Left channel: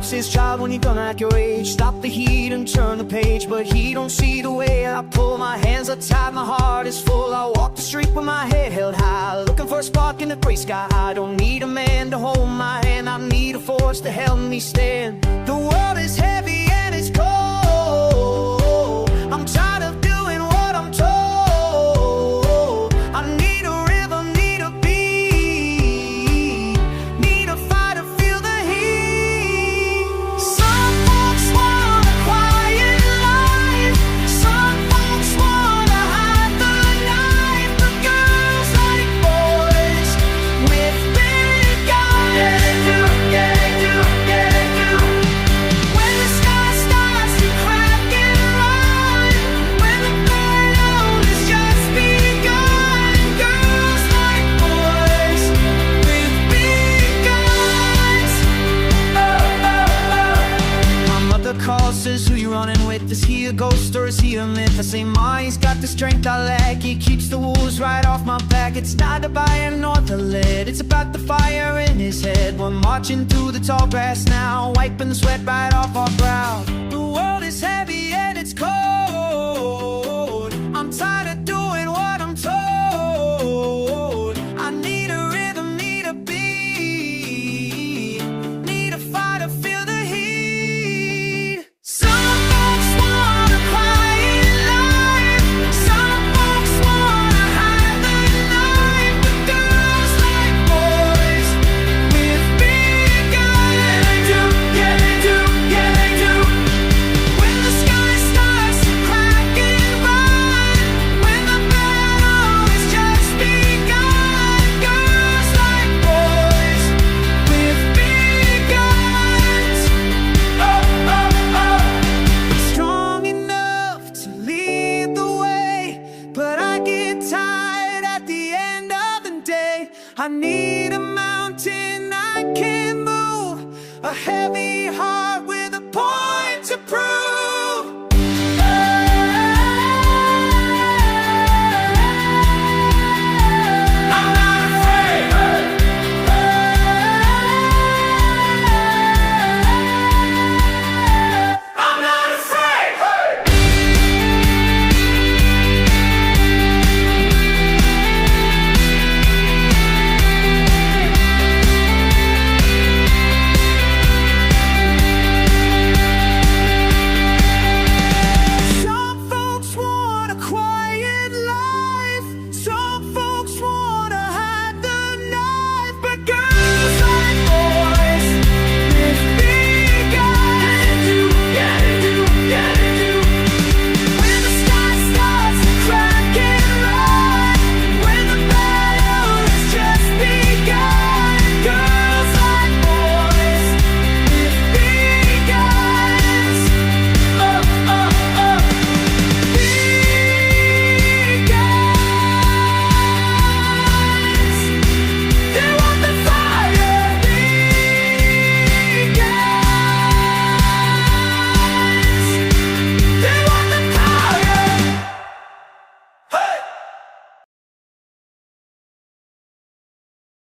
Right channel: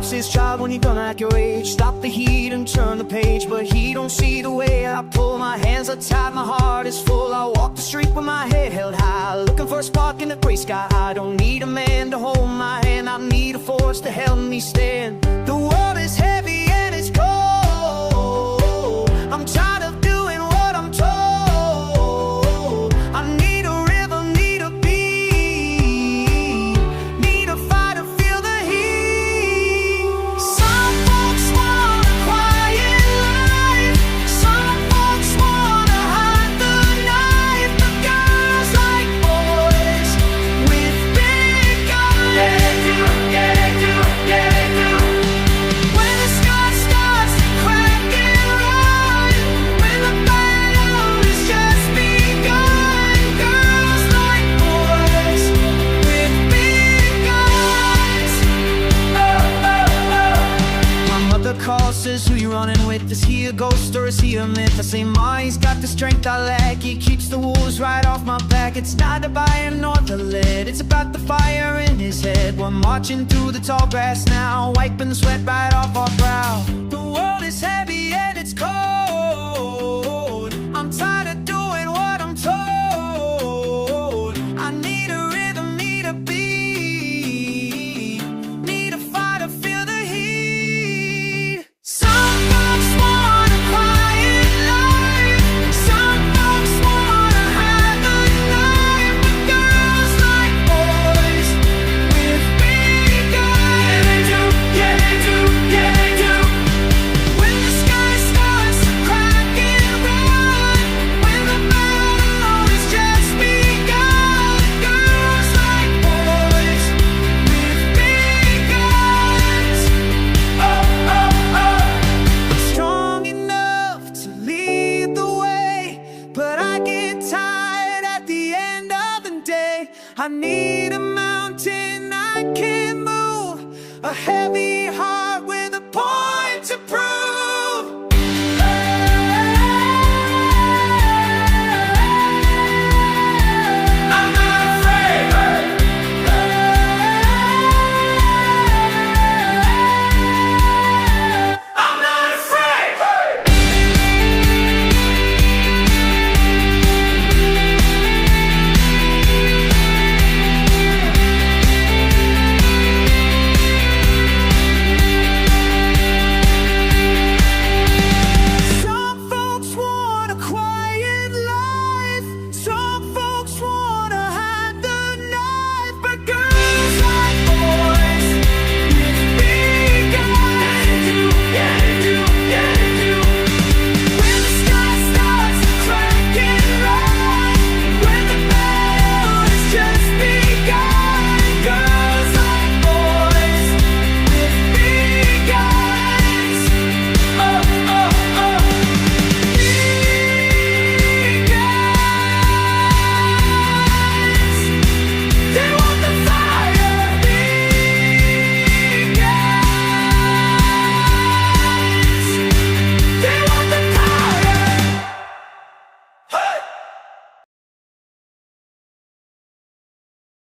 stops his child when he done at your age. Stop the heat and turn the page, but he don't see the way. I pull my hands are tied, my heart is full. I walk the street with my head held high, looking for a spark in the gray sky. I don't need a man to hold my hand, I need a force to help me stand. The world is heavy and it's cold, I'm tired of doing what I'm told. I need a rhythm, need a beat, need a fire to feel the heat. Some folks want a quiet life, some folks wanna hide the knife. The girls like boys with big guns. When the sky starts to crack and run, when the battle has just begun. Girls like boys with big guns. My mother calls, says, who you running with? Is he a ghost or is he a myth? I say, Ma, he's got the strength I lack, he keeps the wolves right off my back. It's not a iron nor the lead, it's about the fire in his head. We're marching through the tall grass now, wiping the sweat right off our brow. The world is heavy and it's cold, I'm tired of doing what I'm told. I need a rhythm, need a beat, need a fire to feel the heat. Some folks want a quiet life, some folks wanna hide the knife. The girls like boys with big guns. Yeah, they do, yeah, they do. When the sky starts to crack and run, when the battle has just begun. Girls like boys with big guns. Oh, oh, oh. Strong enough to lead the way, but I get tired at the end of the day. I need a mountain I can move, a heavy heart with a point to